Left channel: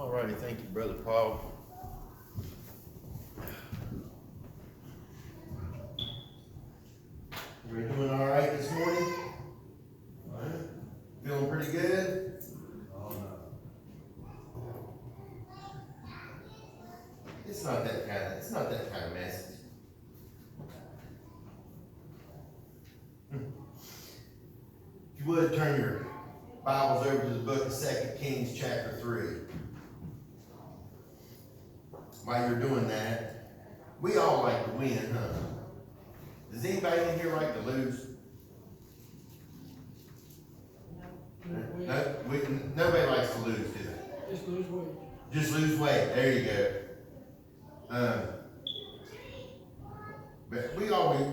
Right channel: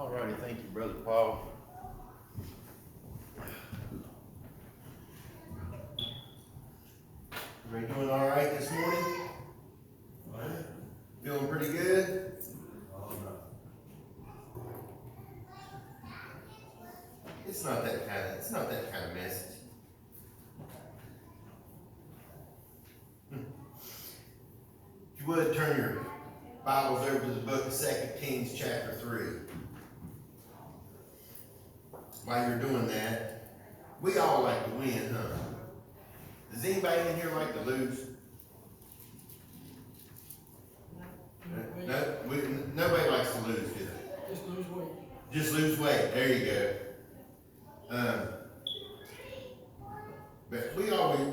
All righty, thank you, Brother Paul. Everybody doing all right this morning? All right. Feeling pretty good? It's not that kind of message. If you would turn your Bibles over to the book of 2 Kings chapter 3. While you're doing that, we all like to win, huh? Does anybody in here like to lose? No, nobody likes to lose, do they? Just lose weight. Just lose weight. There you go. But we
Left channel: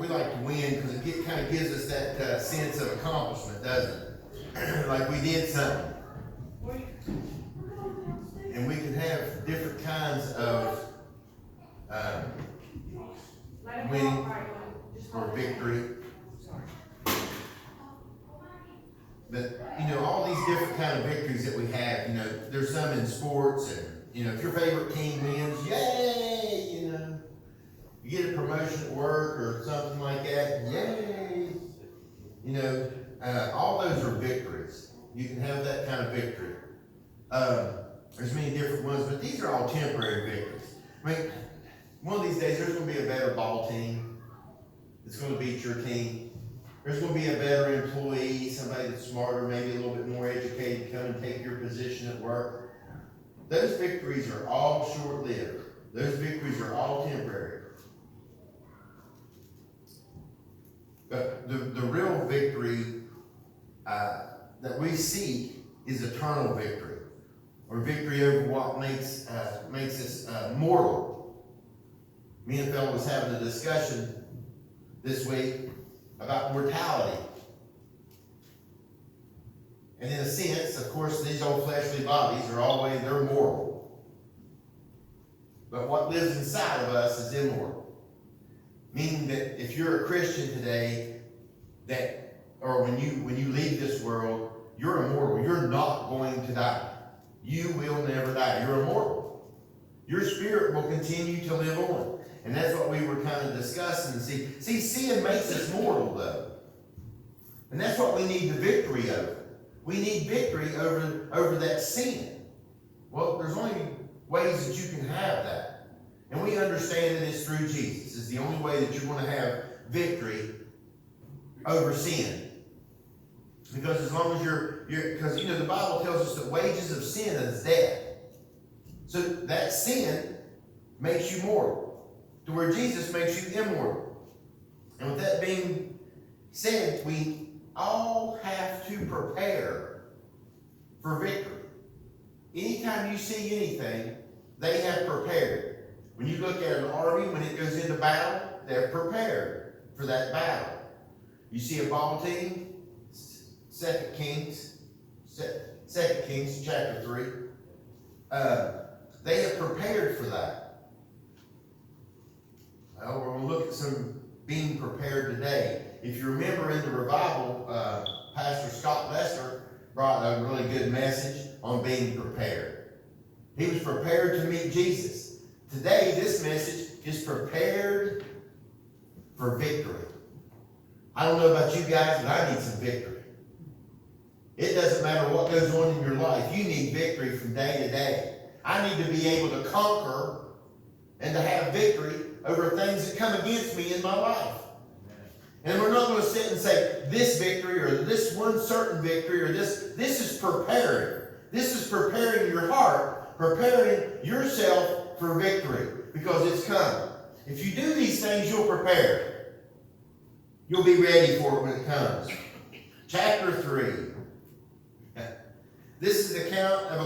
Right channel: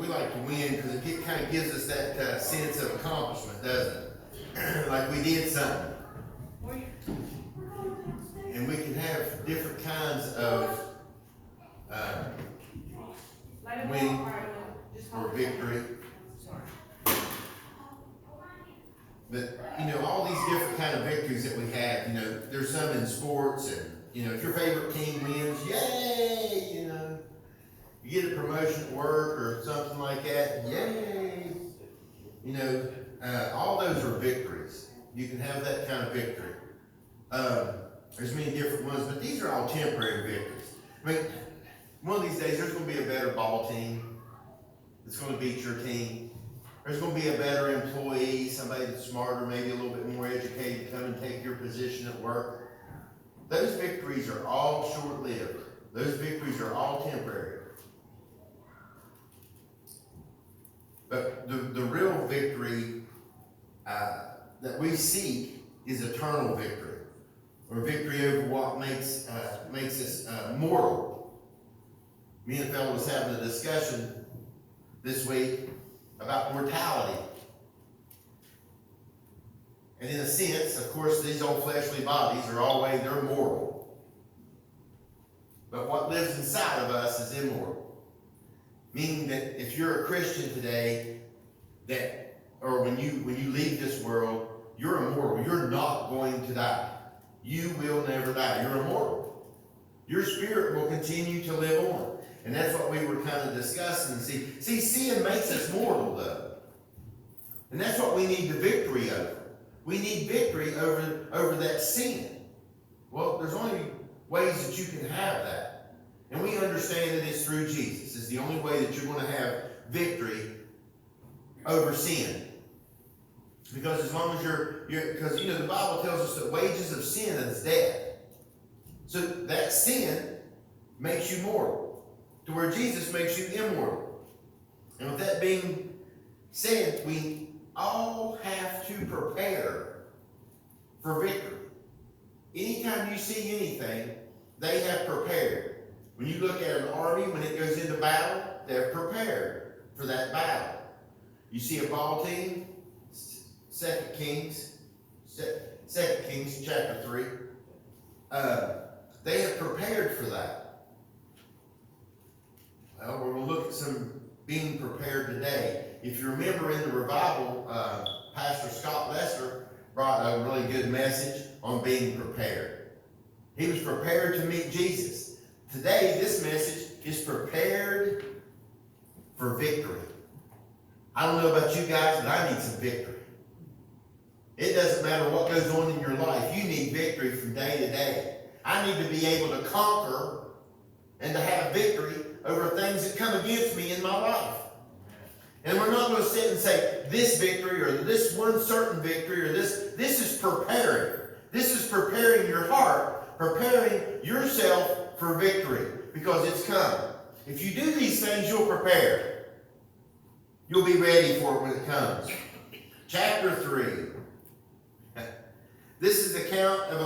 like to win because it kind of gives us that sense of accomplishment, doesn't it? Like we did something. And we can have different kinds of winning or victory. But, all these different kind of victories that we have, there's some in sports and, if your favorite team wins, yay, you get a promotion at work or something like that, yay. All those are victories. You can have that kind of victory. There's many different ones, but these are all temporary victories. I mean, one of these days there's going to be a better ball team that's going to beat your team. There's going to be a better employee, somebody that's smarter, maybe a little bit more educated, come and take your position at work. Those victories are all short-lived. Those victories are all temporary. But the real victory that we seek is eternal victory, or victory over what makes us mortal. Me and Phil was having a discussion this week about mortality. And in a sense, of course, these old fleshly bodies they're mortal. But what lives inside of us is immortal. Meaning that if you're a Christian today, or when you leave this world, you're immortal. You're not going to die. You will never die. You're immortal. Your spirit will continue to live on. And that's what we were kind of discussing. See, sin makes us mortal, though. And that's what we need the victory over. We need victory over that sin. Well, there's only ways that you can have that. And we understand that it's through Jesus. It's the only way that you're going to have victory over sin. Because as long as because the Bible tells us that wages of sin is death. So that sin makes you mortal. To where Jesus makes you immortal. And with that being said, we all have to prepare for victory. Anytime you see anything, they have prepared. When you look at an army, when it goes into battle, they're prepared for that battle. You see a ball team, 2 Kings chapter 3. They have prepared for that. Well, we're going to look at some being prepared today. If you remember in the revival, Pastor Scott Lester brought a really good message on being prepared. He was prepared to meet Jesus. Today, this message is prepared for victory. I don't know about you guys, but I need some victory. It doesn't matter what goes on in your life. You need victory from day to day. I need to be able to conquer and to have victory over things that come against me in my life. And we're not going to sit and say this victory or this one certain victory or this is preparing. This is preparing your heart, preparing yourself for victory because it's coming. If you do these things, you'll prepare. You'll be ready for it when it comes. Chapter 3. This is the account of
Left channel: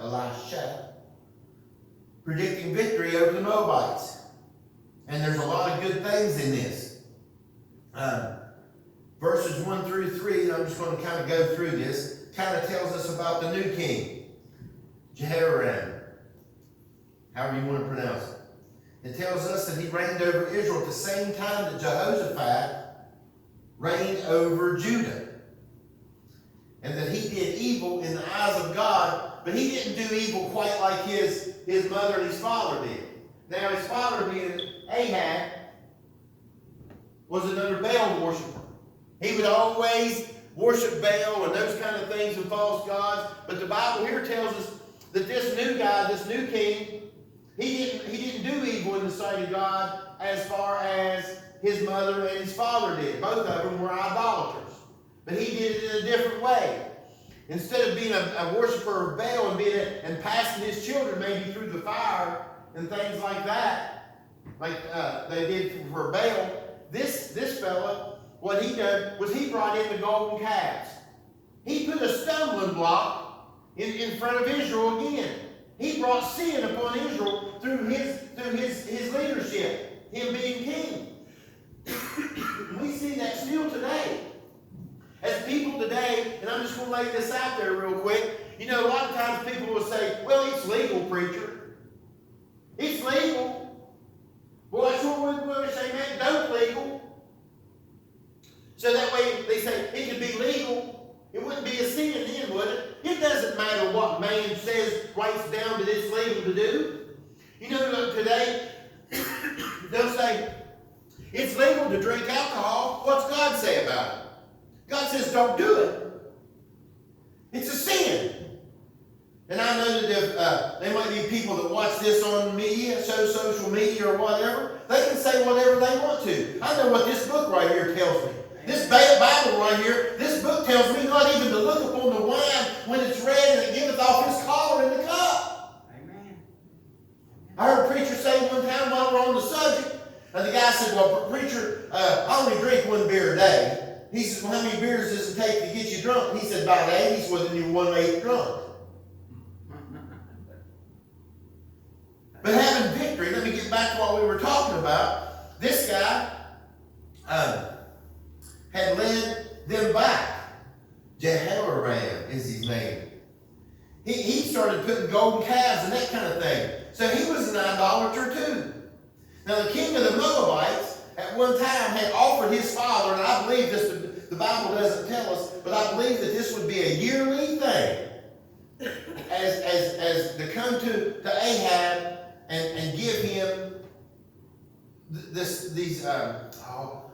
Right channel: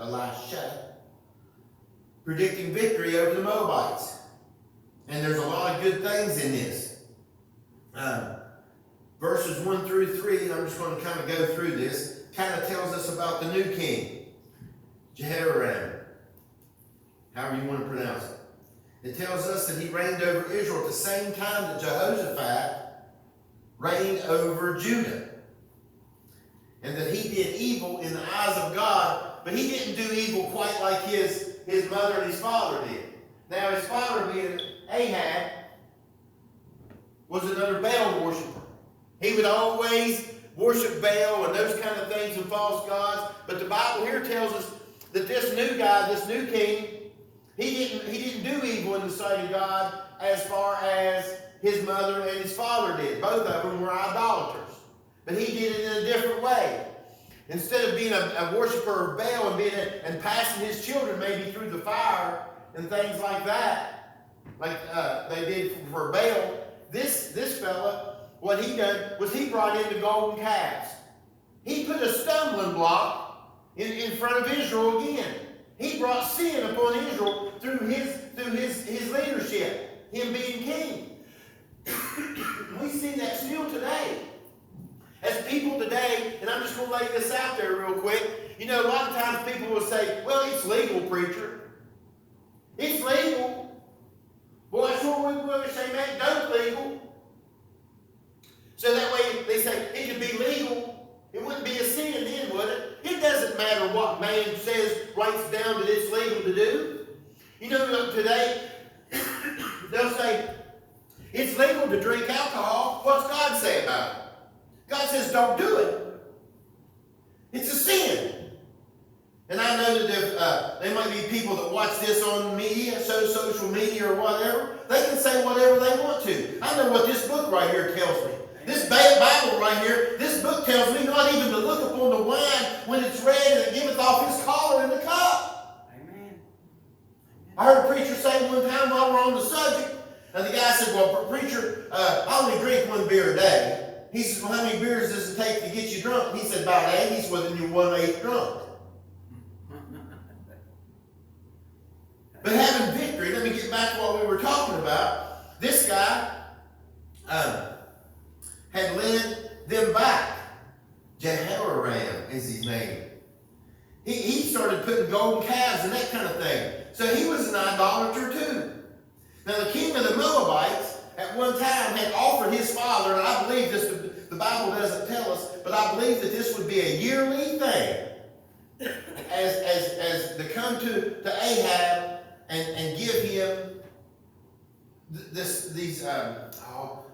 Elisha, predicting victory over the Moabites. And there's a lot of good things in this. Verses 1 through 3, and I'm just going to kind of go through this, kind of tells us about the new king, Jehoram, however you want to pronounce it. It tells us that he reigned over Israel at the same time that Jehoshaphat reigned over Judah. And that he did evil in the eyes of God but he didn't do evil quite like his mother and his father did. Now, his father, being Ahab, was another Baal worshiper. He would always worship Baal and those kind of things and false gods. But the Bible here tells us that this new guy, this new king, he didn't do evil in the sight of God as far as his mother and his father did. Both of them were idolaters. But he did it in a different way. Instead of being a worshiper of Baal and passing his children maybe through the fire and things like that, like they did for Baal, this fella, what he done was he brought in the golden calves. He put a stumbling block in front of Israel again. He brought sin upon Israel through his leadership, him being king. We see that still today. As people today, and I'm just going to lay this out there real quick, you know, a lot of times people will say, well, it's legal, preacher. It's legal. Well, that's what we would say, man, don't legal. So that way they say it could be legal. It wouldn't be a sin then, would it? It doesn't matter what man says, writes down that it's legal to do. You know, today, they'll say, it's legal to drink alcohol. What's God say about it? God says, don't do it. It's a sin. And I know that if there might be people that watch this on media, social media or whatever, they can say whatever they want to. I know what this book right here tells me. This Bible right here, this book tells me not even to look upon the wine when it's red and it giveth off his color in the cup. Amen. I heard a preacher say one time while we're on the subject, and the guy said, well, preacher, I only drink one beer a day. He says, well, how many beers does it take to get you drunk? And he said, about 8. He's within your 1/8 drunk. But having victory, let me get back to what we were talking about. This guy had led them back. Jehoram is his name. He started putting golden calves and that kind of thing. So he was an idolater too. Now the king of the Moabites at one time had offered his father, and I believe this, the Bible doesn't tell us, but I believe that this would be a yearly thing as to come to Ahab and give him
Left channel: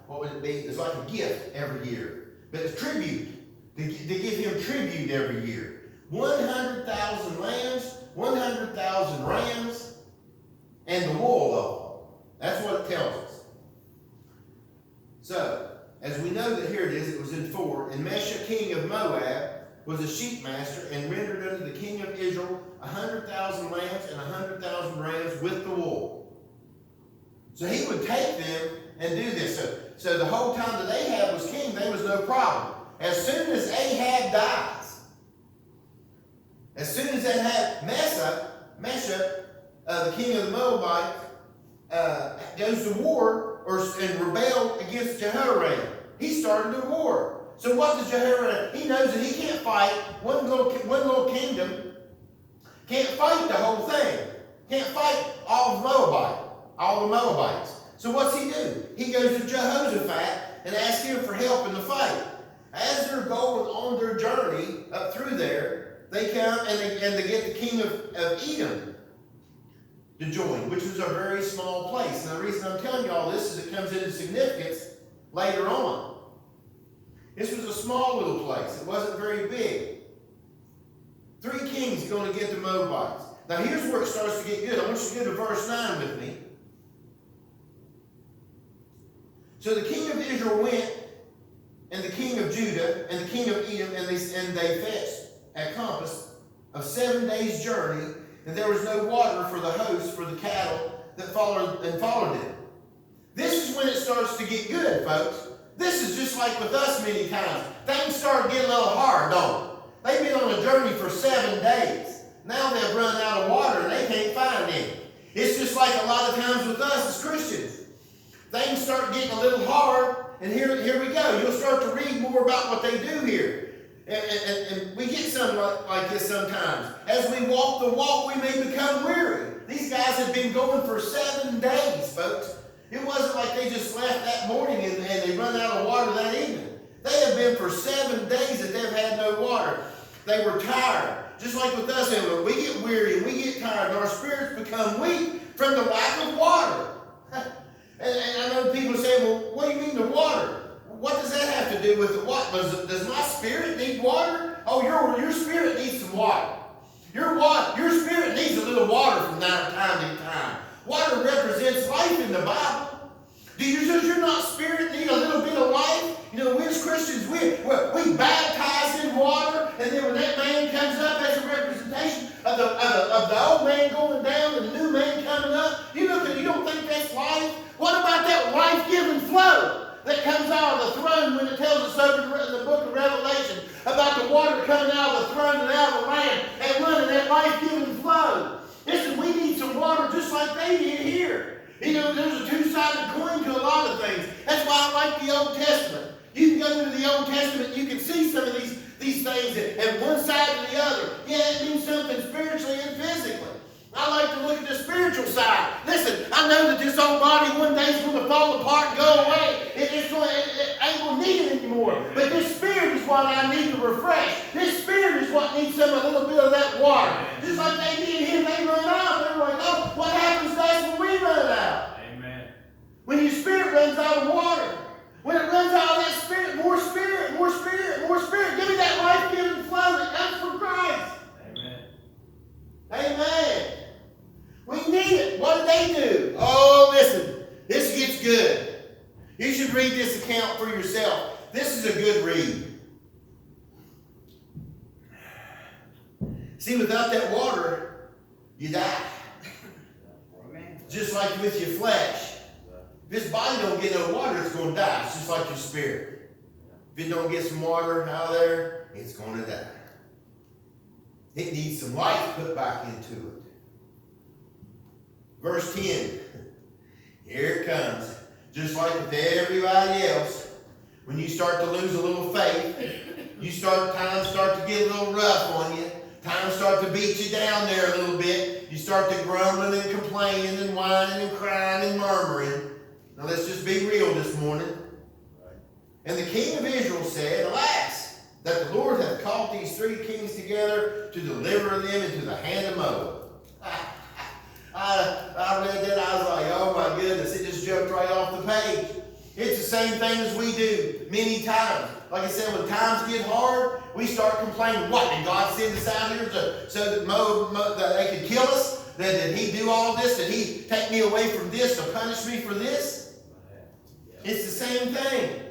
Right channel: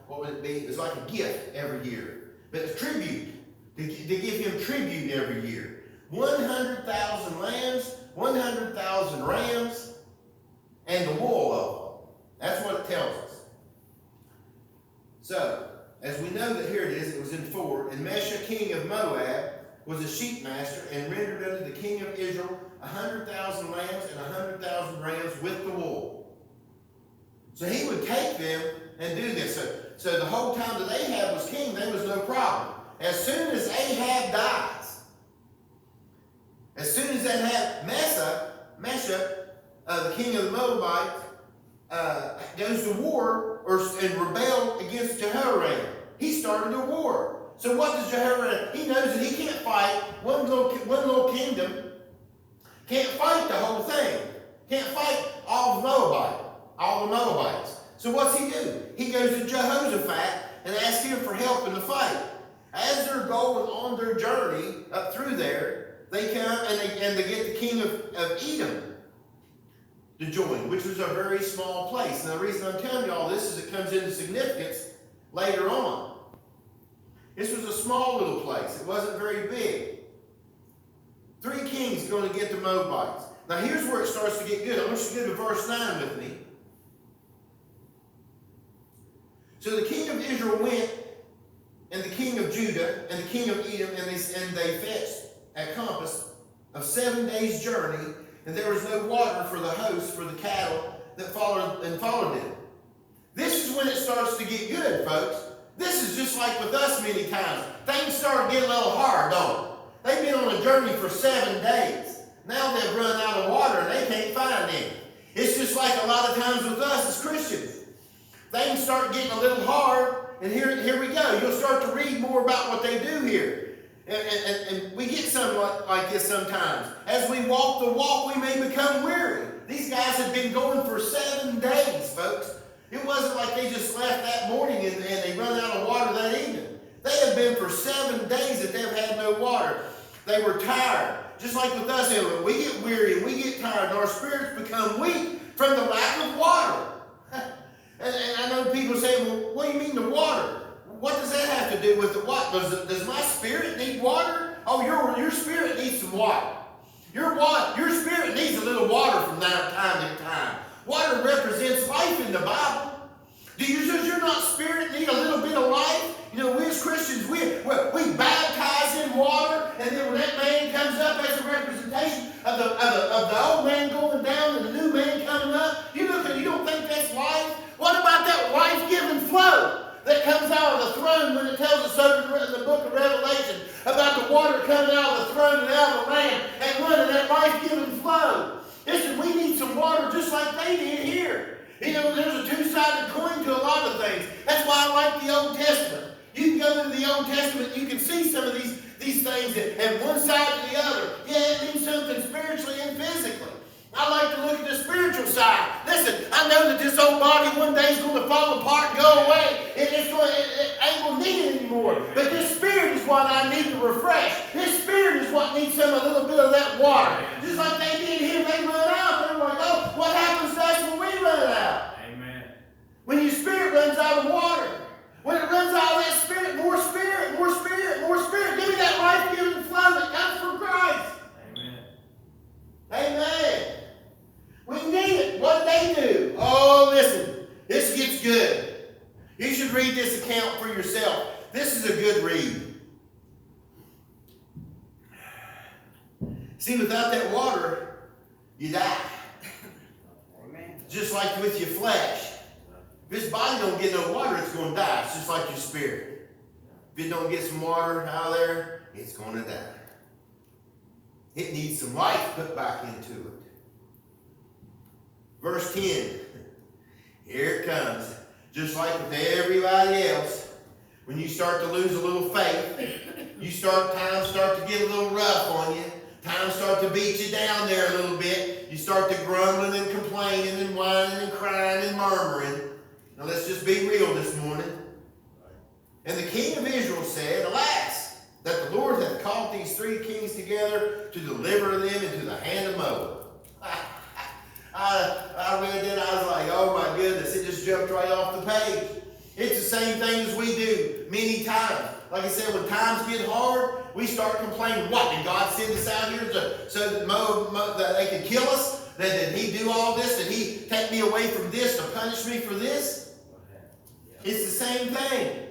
what would it be? It's like a gift every year. But it's tribute. To give him tribute every year. 100,000 lambs, 100,000 rams, and the wool of them. That's what it tells us. So, as we know that here it is, it was in 4. And Mesha, king of Moab, was a sheep master, and rendered unto the king of Israel 100,000 lambs and 100,000 rams with the wool. So he would take them and do this. So the whole time that Ahab was king, there was no problem. As soon as Ahab dies, as soon as Mesha, the king of the Moabites, goes to war and rebel against Jehoram, he started a war. So what does Jehoram? He knows that he can't fight one little kingdom. Can't fight the whole thing. Can't fight all the Moabites. So what's he do? He goes to Jehoshaphat and asks him for help in the fight. As they're going on their journey up through there, they come and they get the king of Edom to join, which was a very small place. Now the reason I'm telling you all this is it comes into significance later on. This was a small little place. It wasn't very big. 3 kings going to get the Moabites. Now here's where it starts to get good. I want you to go to verse 9 with me. So the king of Israel went, and the king of Judah, and the king of Edom, and they fetched a compass of 7 days' journey, and there was no water for the host, for the cattle that followed them. This is when it starts to get good, folks. This is just like with us many times. Things start getting a little hard, don't they? They've been on a journey for 7 days. Now they've run out of water and they can't find any. It's just like a lot of times with us as Christians. Things start getting a little hard, and here we go. You'll start to read more about what they do here. And we get something like this sometimes. As we walk the walk, we may become weary. These guys have been going for 7 days, folks. It wasn't like they just left that morning and they run out of water that evening. They have been for 7 days that they've had no water. They were tired. Just like with us, we get weary and we get tired and our spirits become weak from the lack of water. And I know people say, well, what do you mean the water? What does that have to do with the what? Does my spirit need water? Oh, your spirit needs some water. Your spirit needs a little water from time to time. Water represents life in the Bible. Does your not spirit need a little bit of life? You know, we as Christians, we baptize in water, and then when that man comes up, that's a representation of the old man going down and the new man coming up. You don't think that's life? What about that life-giving flow that comes out of the throne when it tells us over in the book of Revelation about the water coming out of the throne and out of the Lamb and running that life-giving flow? Listen, we need some water just like they did here. You know, there's a two-sided coin to a lot of things. That's why I like the Old Testament. You can go into the Old Testament, you can see some of these things and one side to the other. Yeah, it means something spiritually and physically. I like to look at the spiritual side. Listen, I know that this old body one day is going to fall apart and go away. It ain't going to need it anymore. But this spirit is what I need to refresh. This spirit is what needs a little bit of that water. Just like they did here, they run out. They're like, oh, what happens to us when we run out? Amen. When your spirit runs out of water. When it runs out of that spirit, more spirit, more spirit, more spirit. Give me that life-giving flow that comes from Christ. Amen. Amen. We need it. What did they do? Oh, listen. This gets good. You should read this account for yourself. This is a good read. See, without that water, you die. Amen. Just like with your flesh. If this body don't get no water, it's going to die. It's just like your spirit. If it don't get some water out of there, it's going to die. It needs some life put back into it. Verse 10. Here it comes. Just like with everybody else, when you start to lose a little faith, times start to get a little rough on you. Times start to beat you down there a little bit. You start to grumbling and complaining and whining and crying and murmuring. Now let's just be real this morning. And the king of Israel said, alas, that the Lord hath called these three kings together to deliver them into the hand of Moab. I read that, I was like, oh my goodness, it just jumped right off the page. It's the same thing as we do many times. Like I said, when times get hard, we start complaining. What, did God send us out here so that that they could kill us? Did he do all this? Did he take me away from this to punish me for this? It's the same thing.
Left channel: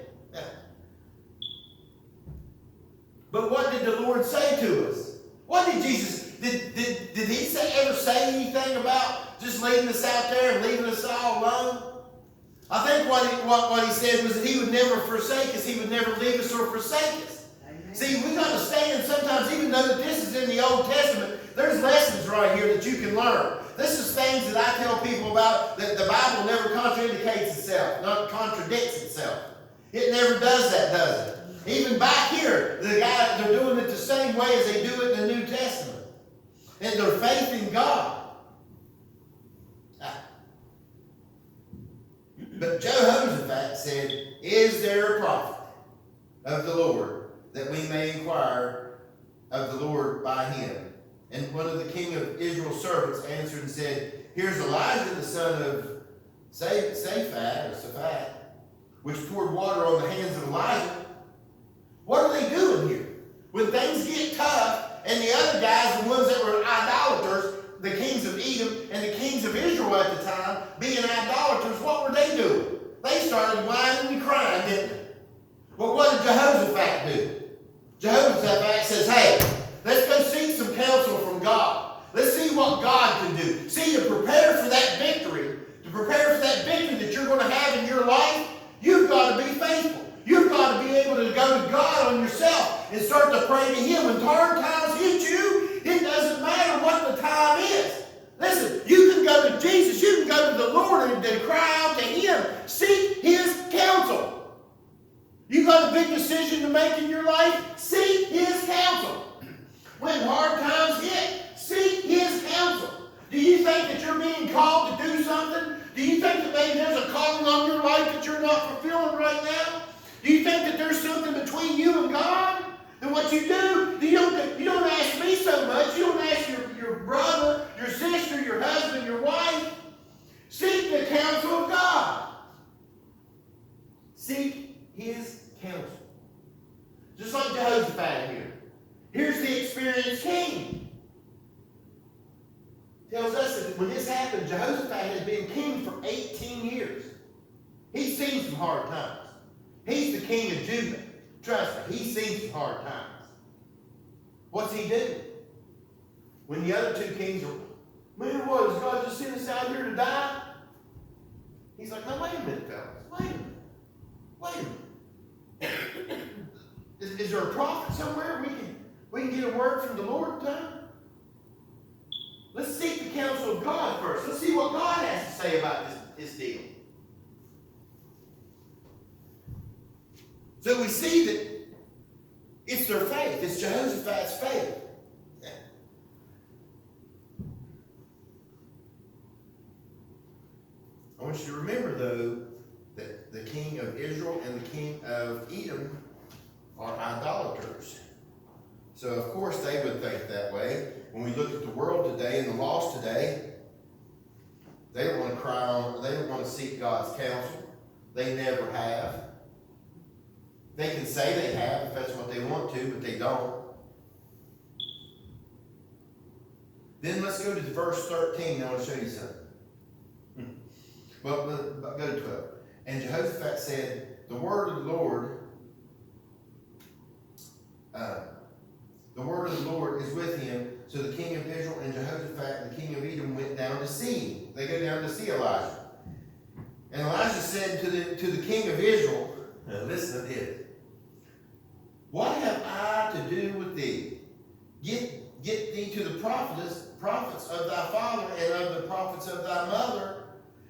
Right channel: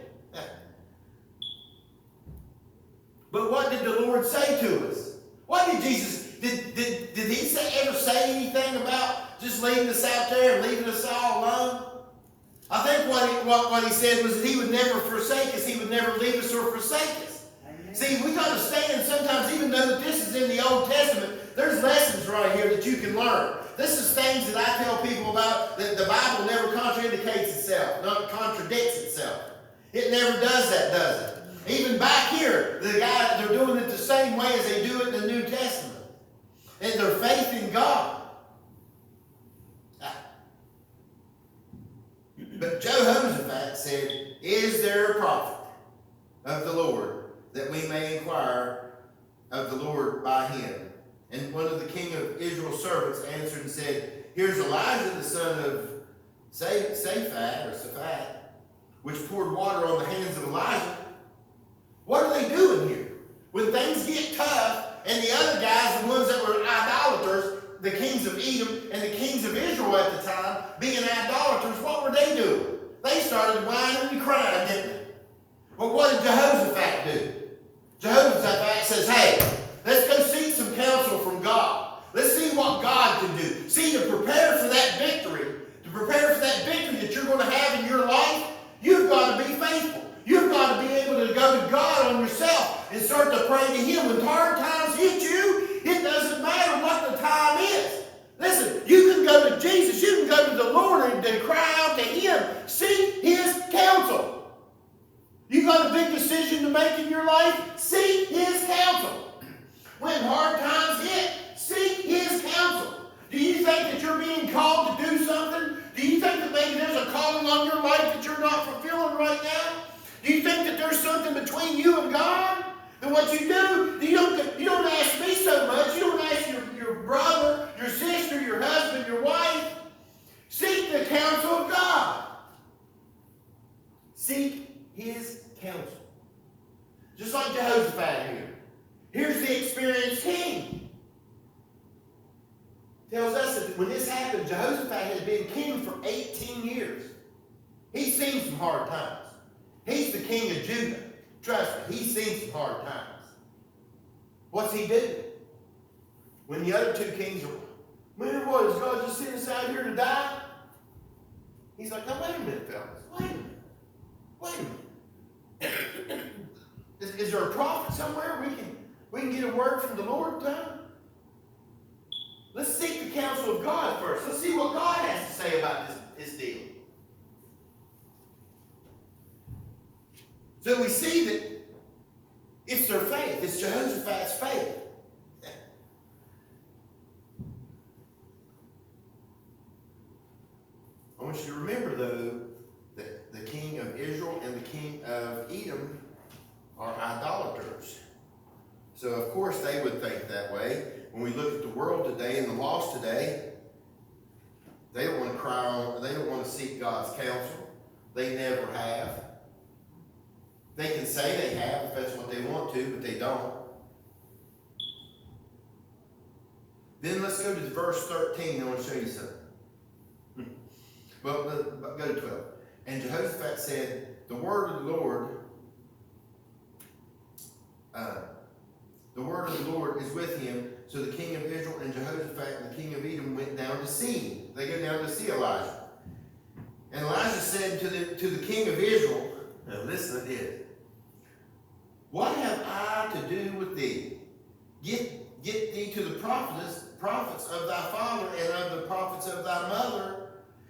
But what did the Lord say to us? What did Jesus, did he ever say anything about just leaving us out there and leaving us all alone? I think what he said was that he would never forsake us. He would never leave us or forsake us. Amen. See, we understand sometimes, even though that this is in the Old Testament, there's lessons right here that you can learn. This is things that I tell people about, that the Bible never contradicts itself, not contradicts itself. It never does that, does it? Even back here, they're doing it the same way as they do it in the New Testament. And their faith in God. But Jehoshaphat said, is there a prophet of the Lord, that we may inquire of the Lord by him? And one of the king of Israel's servants answered and said, here's Elijah the son of Shaphat, which poured water on the hands of Elijah. What are they doing here? When things get tough, and the other guys, the ones that were idolaters, the kings of Edom and the kings of Israel at the time, being idolaters, what were they doing? They started whining and crying, didn't they? But what did Jehoshaphat do? Jehoshaphat says, hey, let's go seek some counsel from God. Let's see what God can do. See, to prepare for that victory that you're going to have in your life, you've got to be faithful. You've got to be able to go to God on yourself and start to pray to him. When hard times hit you, it doesn't matter what the time is. Listen, you can go to Jesus, you can go to the Lord and cry out to him. Seek his counsel. You got a big decision to make in your life? Seek his counsel. When hard times hit, seek his counsel. Do you think that you're being called to do something? Do you think that maybe there's a calling on your life that you're not fulfilling right now? Do you think that there's something between you and God? then what you do, you don't ask me so much. You don't ask your brother, your sister, your husband, your wife. Seek the counsel of God. Seek his counsel. Just like Jehoshaphat here. Here's the experienced king. Tells us that when this happened, Jehoshaphat had been king for 18 years. He's seen some hard times. He's the king of Judah. Trust me, he's seen some hard times. What's he do? When the other two kings are, man, what, is God just sent us out here to die? He's like, no, wait a minute, fellas. Wait a minute. Wait a minute. Is there a prophet somewhere we can get a word from the Lord time? Let's seek the counsel of God first. Let's see what God has to say about this deal. So we see that it's their faith. It's Jehoshaphat's faith. I want you to remember, though, that the king of Israel and the king of Edom are idolaters. So, of course, they would think that way. When we look at the world today and the lost today, they don't want to cry on, they don't want to seek God's counsel. They never have. They can say they have if that's what they want to, but they don't. Then let's go to verse 13. I want to show you something. Well, go to 12. And Jehoshaphat said, the word of the Lord is with him. So the king of Israel and Jehoshaphat and the king of Edom went down to see him. They go down to see Elijah. And Elijah said to the king of Israel, now listen to this. What have I to do with thee? Get thee to the prophets of thy father and of the prophets of thy mother.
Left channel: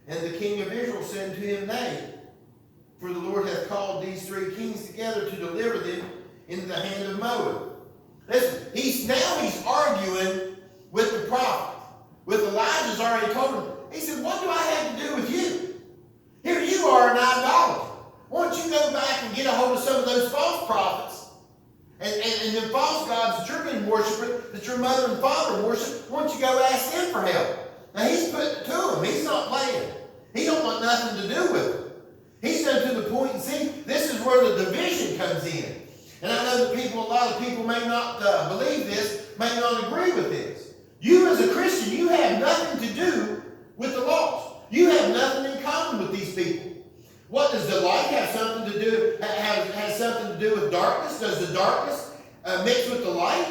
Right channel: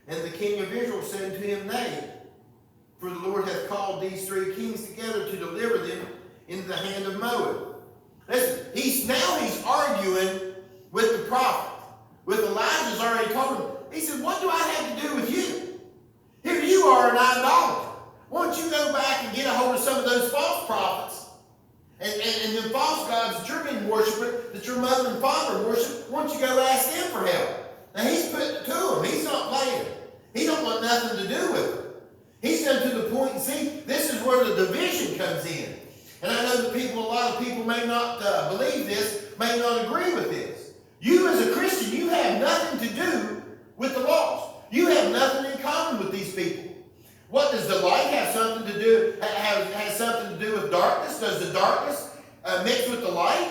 And the king of Israel said to him, nay, for the Lord hath called these three kings together to deliver them into the hand of Moab. Listen, he's arguing with the prophet. With Elijah's already told him. He said, what do I have to do with you? Here you are an idolater. Why don't you go back and get a hold of some of those false prophets and them false gods that you're going to worship, that your mother and father worship? Why don't you go ask them for help? Now he's putting it to him. He's not playing. He don't want nothing to do with it. He's done to the point, and see, this is where the division comes in. And I know that a lot of people may not believe this, may not agree with this. You as a Christian, you have nothing to do with the lost. You have nothing in common with these people. What does the light have something to do? Has something to do with darkness? Does the darkness mix with the light?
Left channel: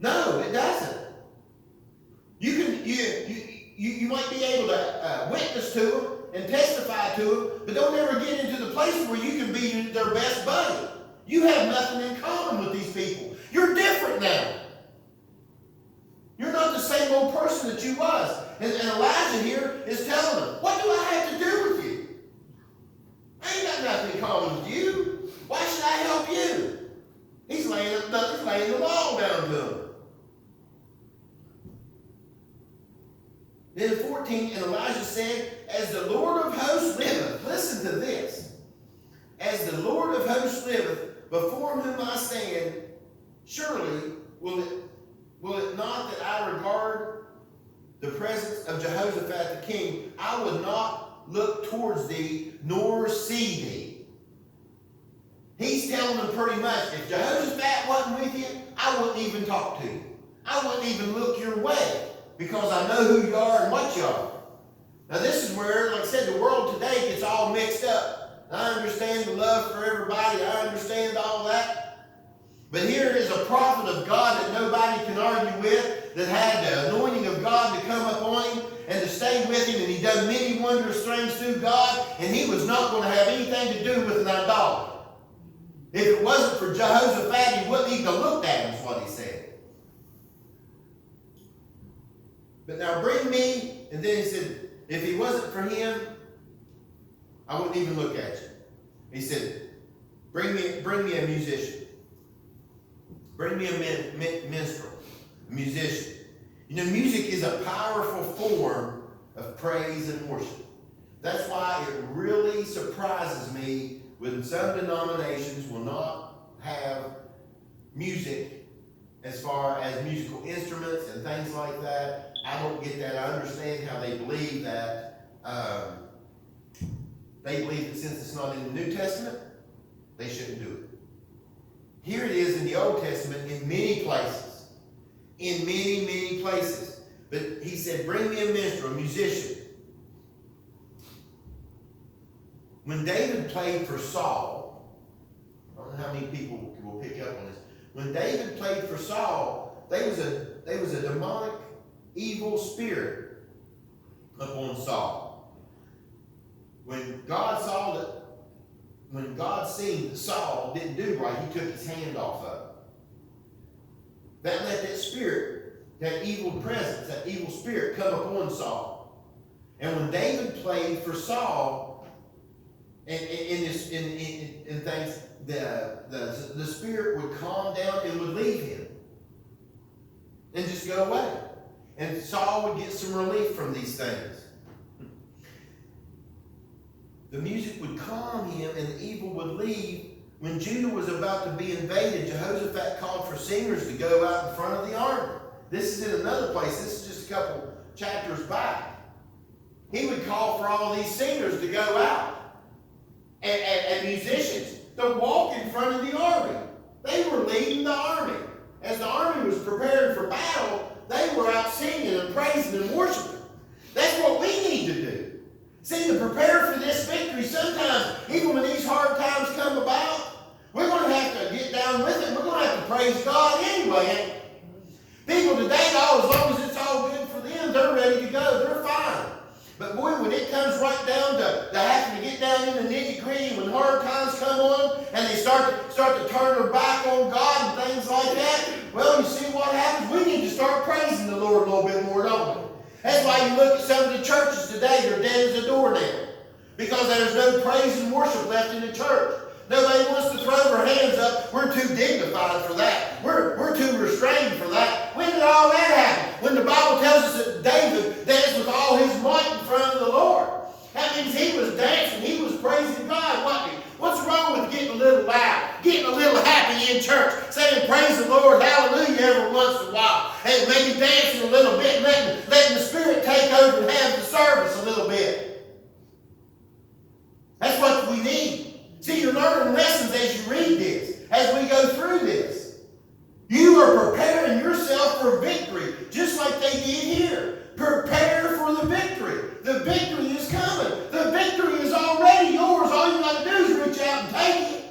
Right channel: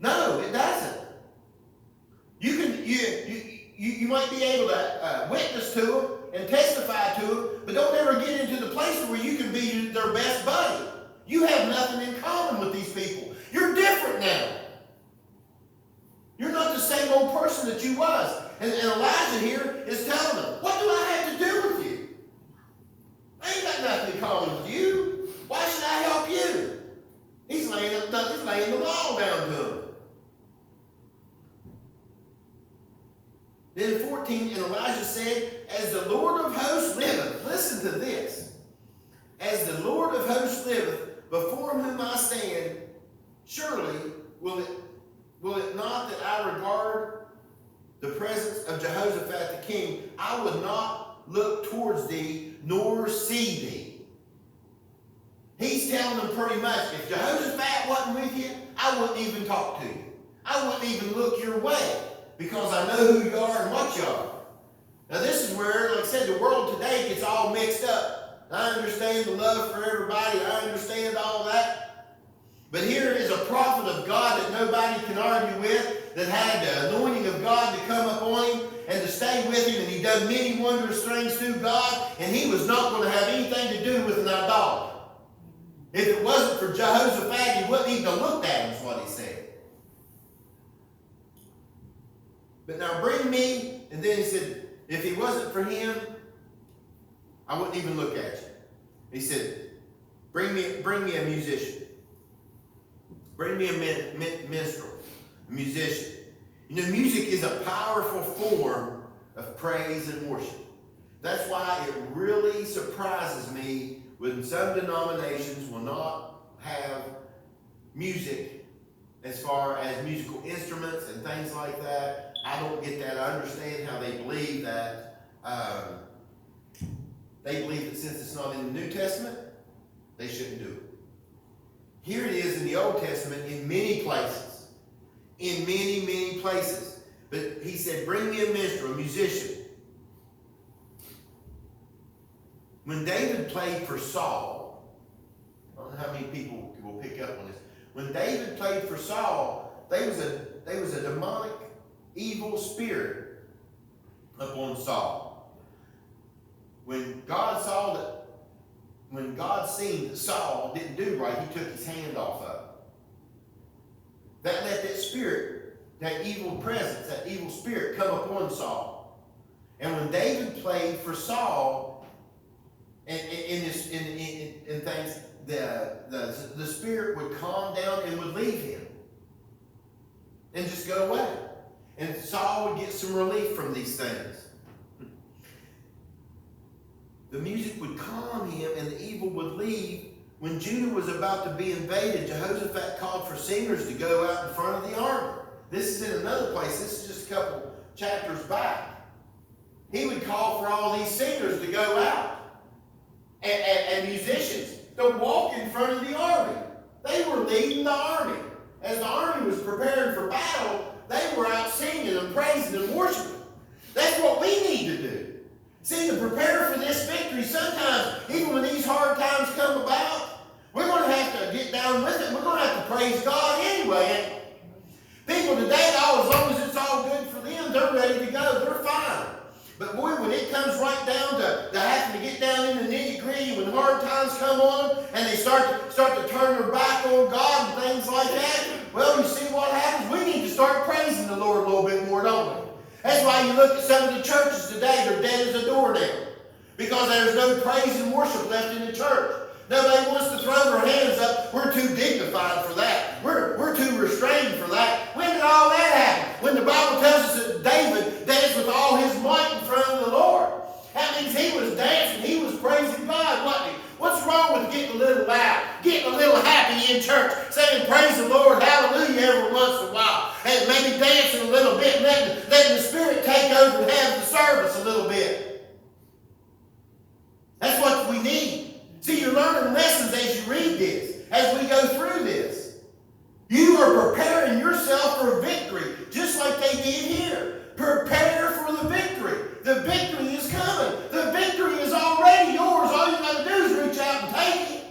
No, it doesn't. You might be able to witness to them and testify to them, but don't ever get into the place where you can be their best buddy. You have nothing in common with these people. You're different now. You're not the same old person that you was. And Elijah here is telling them, what do I have to do with you? I ain't got nothing in common with you. Why should I help you? He's laying the law down to them. Then 14, and Elijah said, as the Lord of hosts liveth, listen to this, as the Lord of hosts liveth, before whom I stand, surely will it not that I regard the presence of Jehoshaphat the king, I would not look towards thee, nor see thee. He's telling them pretty much, if Jehoshaphat wasn't with you, I wouldn't even talk to you. I wouldn't even look your way, because I know who you are and what you are. Now this is where, like I said, the world today gets all mixed up. I understand the love for everybody. I understand all that. But here is a prophet of God that nobody can argue with, that had the anointing of God to come upon him and to stay with him, and he done many wondrous things through God, and he was not going to have anything to do with an idolater. If it wasn't for Jehoshaphat, he wouldn't even have looked at him, is what he said. But now bring me, and then he said, if he wasn't for him, I wouldn't even look at you. He said, bring me a musician. Bring me a minstrel, a musician. You know, music is a powerful form of praise and worship. That's why it really surprises me when some denominations will not have music as far as musical instruments and things like that. I don't get that. I understand how they believe that. They believe that since it's not in the New Testament, they shouldn't do it. Here it is in the Old Testament in many places. In many, many places. But he said, bring me a minstrel, a musician. When David played for Saul, I don't know how many people will pick up on this. When David played for Saul, there was a demonic, evil spirit upon Saul. When God seen that Saul didn't do right, he took his hand off of it. That let that spirit, that evil presence, that evil spirit come upon Saul. And when David played for Saul, in things, the spirit would calm down and would leave him and just go away. And Saul would get some relief from these things. The music would calm him and the evil would leave. When Judah was about to be invaded, Jehoshaphat called for singers to go out in front of the army. This is in another place. This is just a couple chapters back. He would call for all these singers to go out and musicians to walk in front of the army. They were leading the army. As the army was preparing for battle, they were out singing and praising and worshiping. That's what we need to do. See, to prepare for this victory, sometimes, even when these hard times come about, we're going to have to get down with it. We're going to have to praise God anyway. People today, as long as it's all good for them, they're ready to go. They're fine. But boy, when it comes right down to having to get down in the nitty-gritty, when hard times come on, and they start to turn their back on God and things like that, well, you see what happens? We need to start praising the Lord a little bit more, don't we? That's why you look at some of the churches today, they're dead as a doornail. Because there's no praise and worship left in the church. Nobody wants to throw their hands up. We're too dignified for that. We're too restrained for that. When did all that happen? When the Bible tells us that David danced with all his might in front of the Lord. That means he was dancing. He was praising God, wasn't he? What's wrong with getting a little loud, getting a little happy in church, saying praise the Lord, hallelujah every once in a while, and maybe dancing a little bit, letting the Spirit take over and have the service a little bit. That's what we need. See, you're learning lessons as you read this, as we go through this. You are preparing yourself for victory, just like they did here. Prepare for the victory. The victory is coming. The victory is already yours. All you got to do is reach out and take it.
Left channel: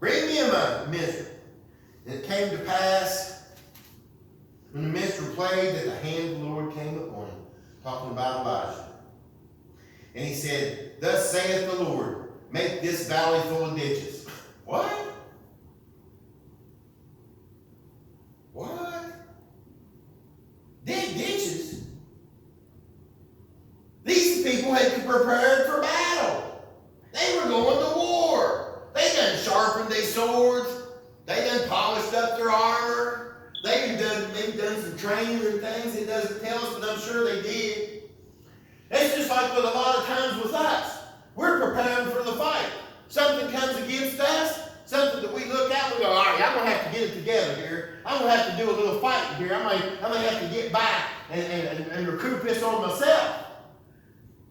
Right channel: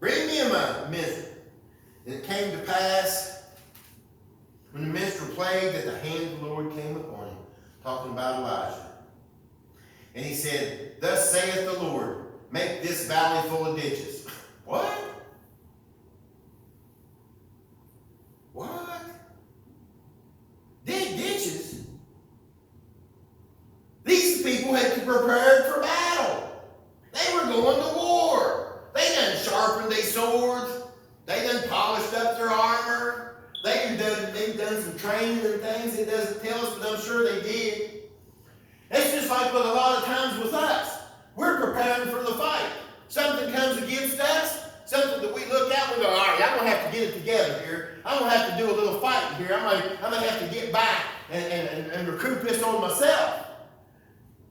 Bring me a minstrel. And it came to pass, when the minstrel played, that the hand of the Lord came upon him, talking about Elijah. And he said, thus saith the Lord, make this valley full of ditches. What? What? Dig ditches? These people had prepared for battle. They were going to war. They done sharpened their swords. They done polished up their armor. They've done some training and things. It doesn't tell us, but I'm sure they did. It's just like with a lot of times with us. We're preparing for the fight. Something comes against us, something that we look at and we go, all right, I'm going to have to get it together here. I'm going to have to do a little fighting here. I'm going to have to get back and recoup this on myself.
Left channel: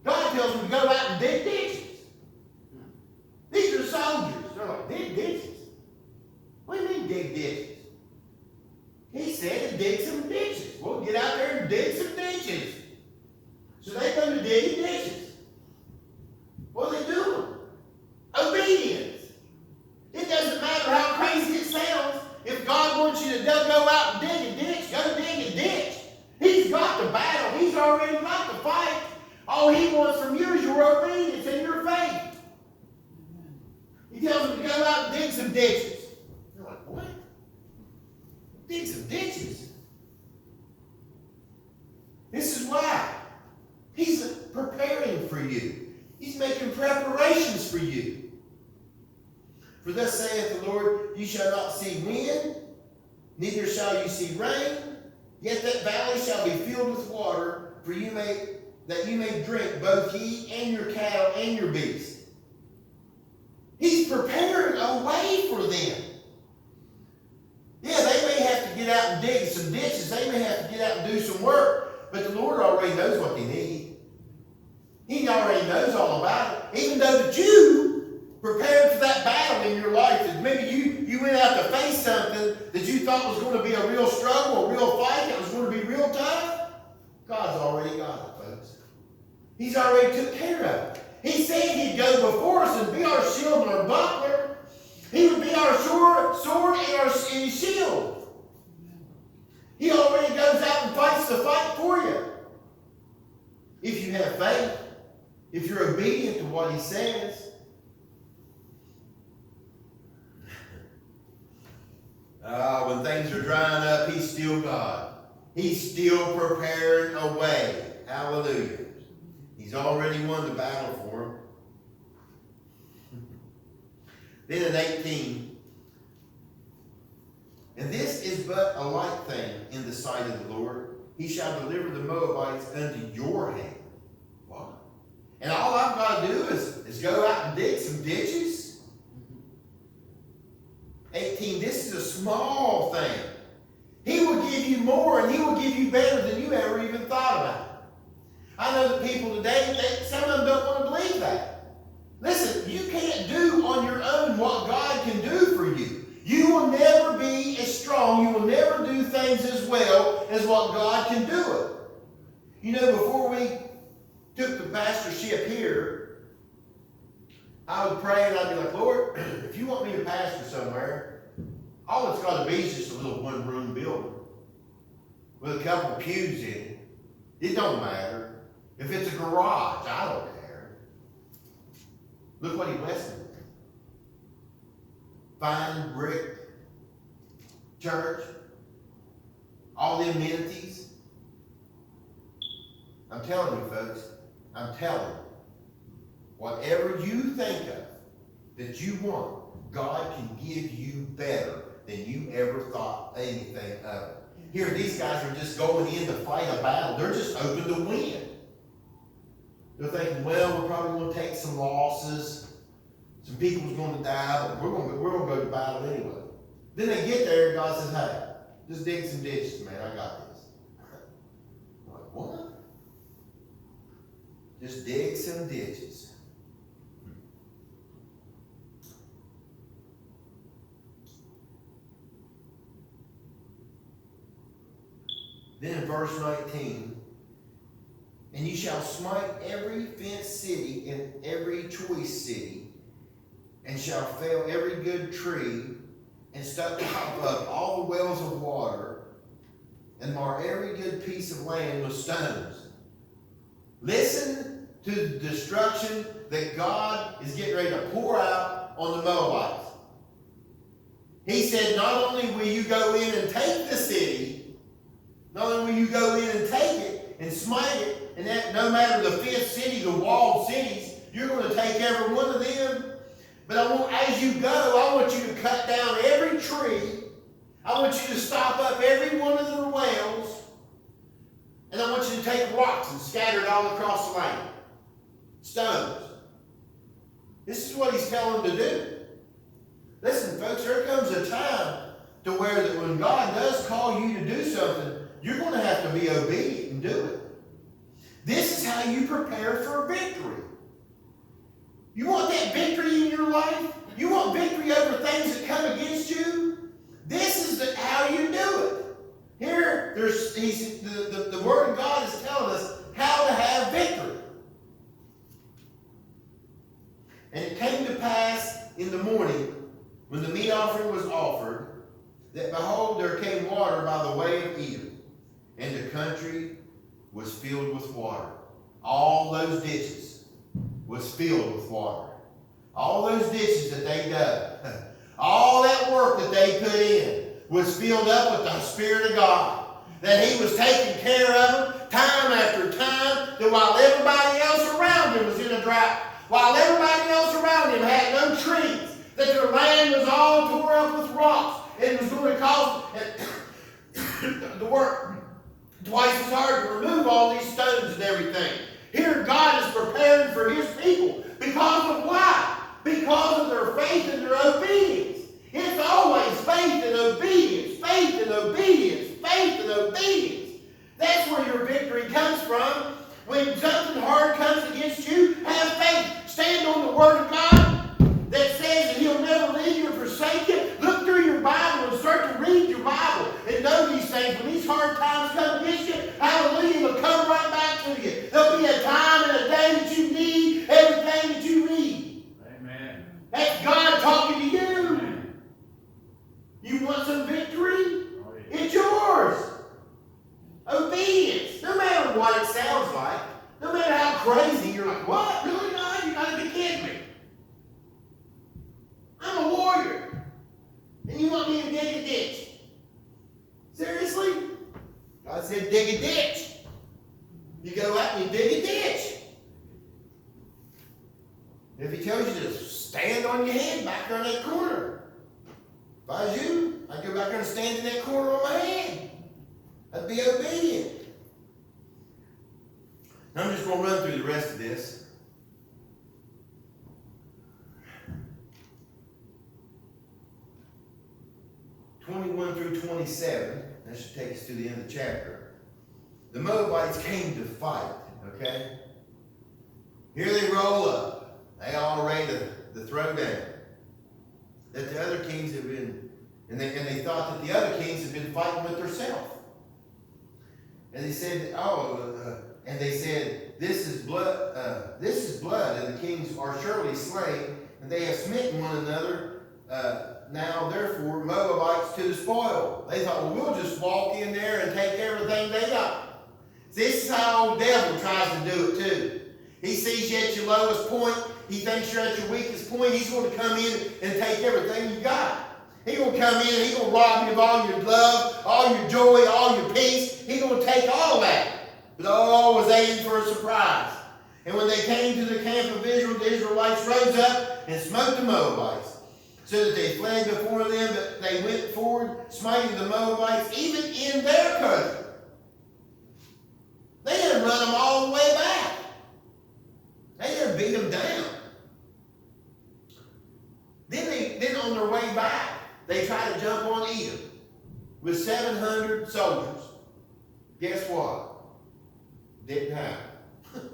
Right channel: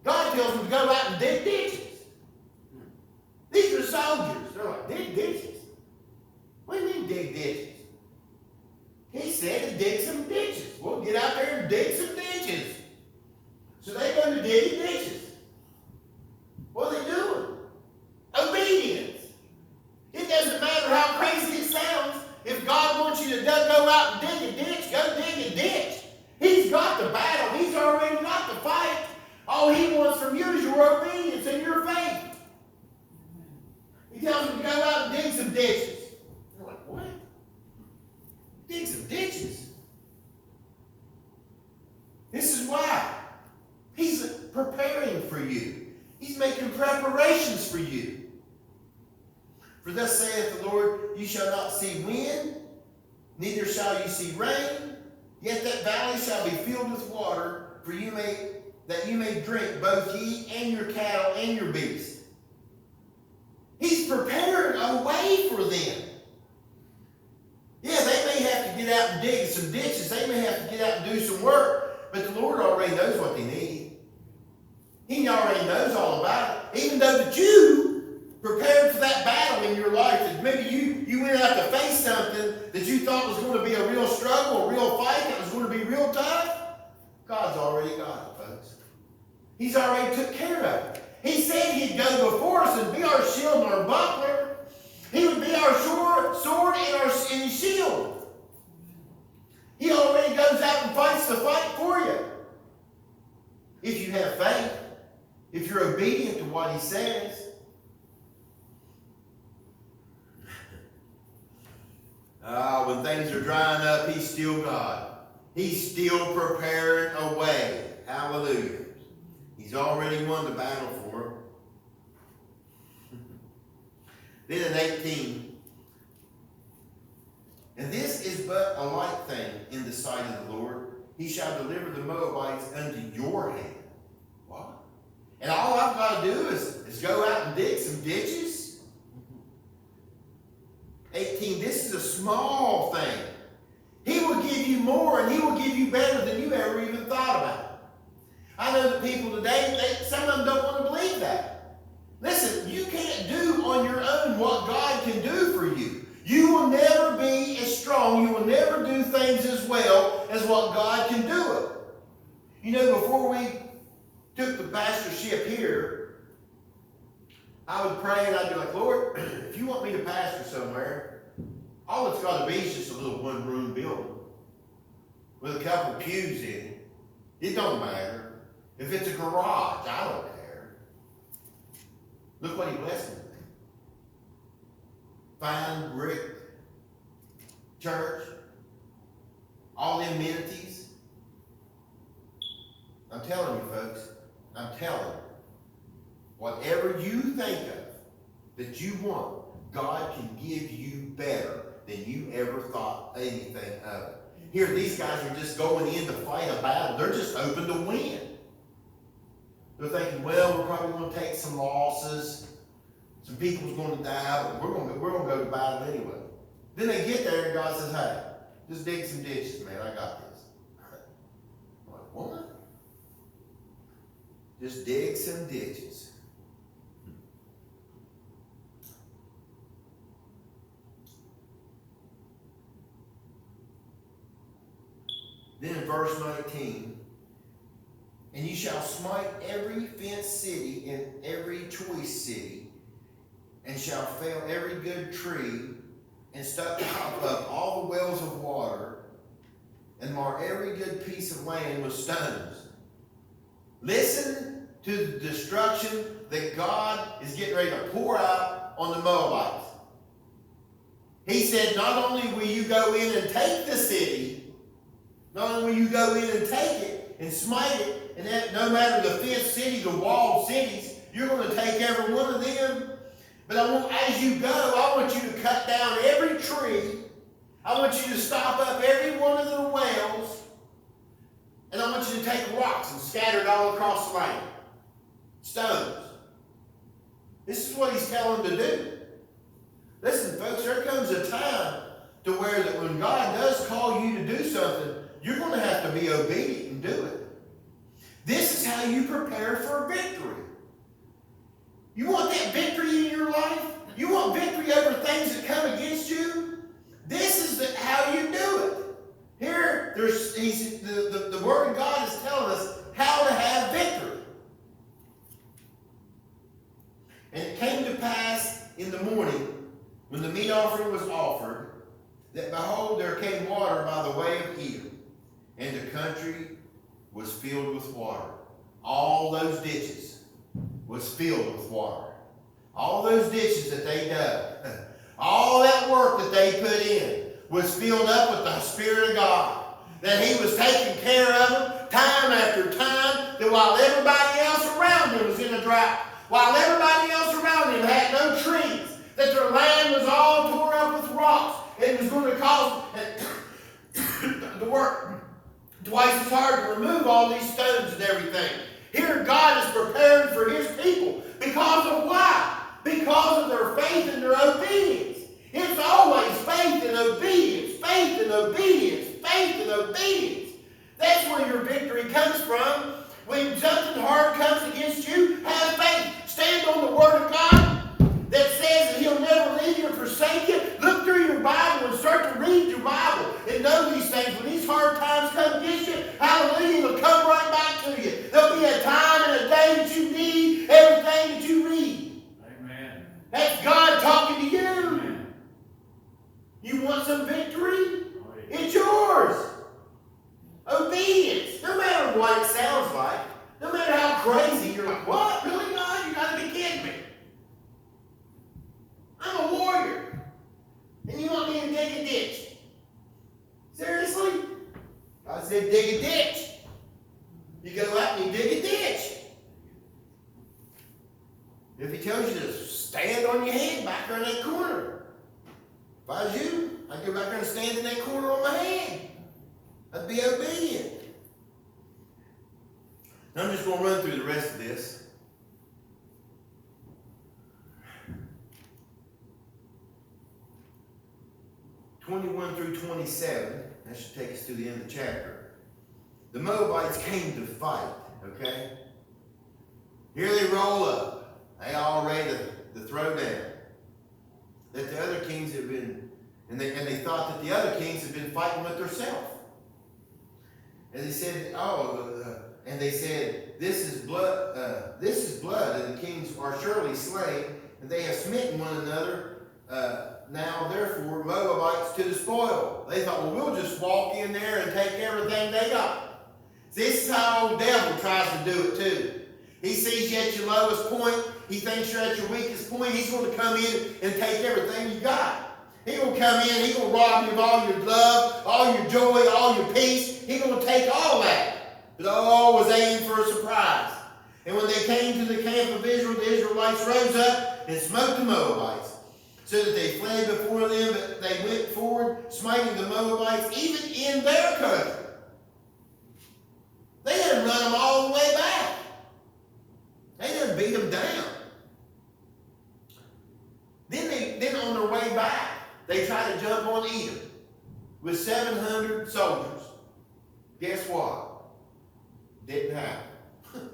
God tells them to go out and dig ditches. These are soldiers. They're like, dig ditches? What do you mean dig ditches? He said to dig some ditches. Well, get out there and dig some ditches. So they go to digging ditches. What are they doing? Obedience. It doesn't matter how crazy it sounds. If God wants you to go out and dig a ditch, go dig a ditch. He's got the battle. He's already got the fight. All he wants from you is your obedience and your faith. He tells them to go out and dig some ditches. They're like, what? Dig some ditches? This is why. He's preparing for you. He's making preparations for you. For thus saith the Lord, you shall not see wind, neither shall you see rain, yet that valley shall be filled with water, for you may that you may drink, both ye and your cattle and your beasts. He's preparing a way for them. Yeah, they may have to get out and dig some ditches. They may have to get out and do some work. But the Lord already knows what they need. He already knows all about it. Even though that you prepared for that battle in your life, that maybe you went out to face something that you thought was going to be a real struggle, a real fight, that was going to be real tough, God's already got it, folks. He's already took care of it. He said he'd go before us and be our shield and our buckler. He would be our sword and his shield. He already goes out and fights the fight for you. If you have faith, if you're obedient to what he says. When things are drying up, he's still God. He's still preparing a way. Hallelujah. He's already won the battle for him. Then in 18, and this is but a light thing in the sight of the Lord. He shall deliver the Moabites unto your hand. What? And all I've got to do is go out and dig some ditches? 18, this is a small thing. He will give you more, and he will give you better than you ever even thought about. I know that people today, some of them don't want to believe that. Listen, you can't do on your own what God can do for you. You will never be as strong. You will never do things as well as what God can do it. You know, before we took the pastorship here, I would pray and I'd be like, Lord, if you want me to pastor somewhere, all it's got to be is just a little one-room building with a couple of pews in it. It don't matter. If it's a garage, I don't care. Look what he blessed me with. Fine brick church, all the amenities. I'm telling you, folks, I'm telling you, whatever you think of that you want, God can give you better than you ever thought anything of it. Here, these guys are just going in to fight a battle. They're just open to win. They're thinking, well, we're probably going to take some losses. Some people's going to die, but we're going to go to battle anyway. Then they get there and God says, hey, just dig some ditches, man. I got this. I'm like, what? Just dig some ditches. Then in verse 19, and you shall smite every fenced city and every choice city, and shall fell every good tree, and stop up all the wells of water, and mar every good piece of land with stones. Listen to the destruction that God is getting ready to pour out on the Moabites. He said, not only will you go in and take the city, not only will you go in and take it and smite it, and that no matter the fenced cities or walled cities, you're going to take every one of them. But as you go, I want you to cut down every tree. I want you to stop up every one of the wells. And I want you to take rocks and scatter it all across the land. Stones. This is what he's telling them to do. Listen, folks, there comes a time to where that when God does call you to do something, you're going to have to be obedient and do it. This is how you prepare for victory. You want that victory in your life? You want victory over things that come against you? This is how you do it. Here, the Word of God is telling us how to have victory. And it came to pass in the morning, when the meat offering was offered, that behold, there came water by the way of Edom, and the country was filled with water. All those ditches was filled with water. All those ditches that they dug, all that work that they put in was filled up with the Spirit of God. That he was taking care of them time after time, that while everybody else around him was in a drought, while everybody else around him had no trees, that their land was all tore up with rocks, and it was going to cause the work twice as hard to remove all these stones and everything. Here God is preparing for his people. Because of why? Because of their faith and their obedience. It's always faith and obedience, faith and obedience, faith and obedience. That's where your victory comes from. When something hard comes against you, have faith. Stand on the Word of God that says that he'll never leave you or forsake you. Look through your Bible and start to read your Bible and know these things. When these hard times come against you, hallelujah, it'll come right back to you. There'll be a time and a day that you need everything that you read. Amen. That's God talking to you. Amen. You want some victory? Oh, yeah. It's yours. Obedience. No matter what it sounds like, no matter how crazy, you're like, what? Really, God? You gotta be kidding me. I'm a warrior. And you want me to dig a ditch? Seriously? God said dig a ditch. You go out and you dig a ditch. If he tells you to stand on your head back there in that corner, if I was you, I'd go back there and stand in that corner on my hand. I'd be obedient. Now I'm just going to run through the rest of this. (21 through 27). That should take us to the end of the chapter. The Moabites came to fight. Okay? Here they roll up. They all ready to throw down. That the other kings have been, and they thought that the other kings had been fighting with themselves. And they said, this is blood, and the kings are surely slain, and they have smitten one another. Now, therefore, Moabites to the spoil. They thought, well, we'll just walk in there and take everything they got. This is how the devil tries to do it too. He sees you at your lowest point. He thinks you're at your weakest point. He's going to come in and take everything you got. He's going to come in. He's going to rob you of all your love, all your joy, all your peace. He's going to take all that. But all was aimed for a surprise. And when they came to the camp of Israel, the Israelites rose up and smote the Moabites, so that they fled before them, but they went forward, smiting the Moabites, even in their country. They didn't run them all the way back. They didn't beat them down. Then on their way back, they tried to jump on Edom with 700 soldiers. Guess what? Didn't happen.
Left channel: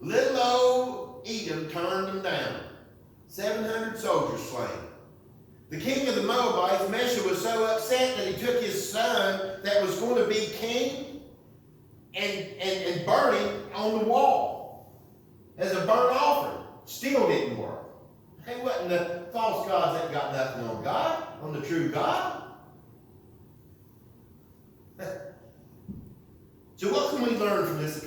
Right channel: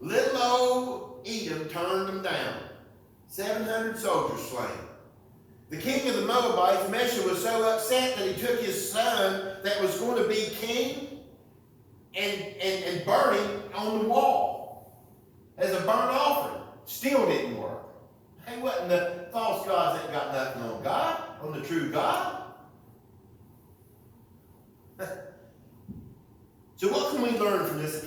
Little old Edom turned them down. 700 soldiers slain. The king of the Moabites, Mesha, was so upset that he took his son that was going to be king and burned him on the wall as a burnt offering. Still didn't work. Hey, wasn't the false gods that got nothing on God, on the true God? So what can we learn from this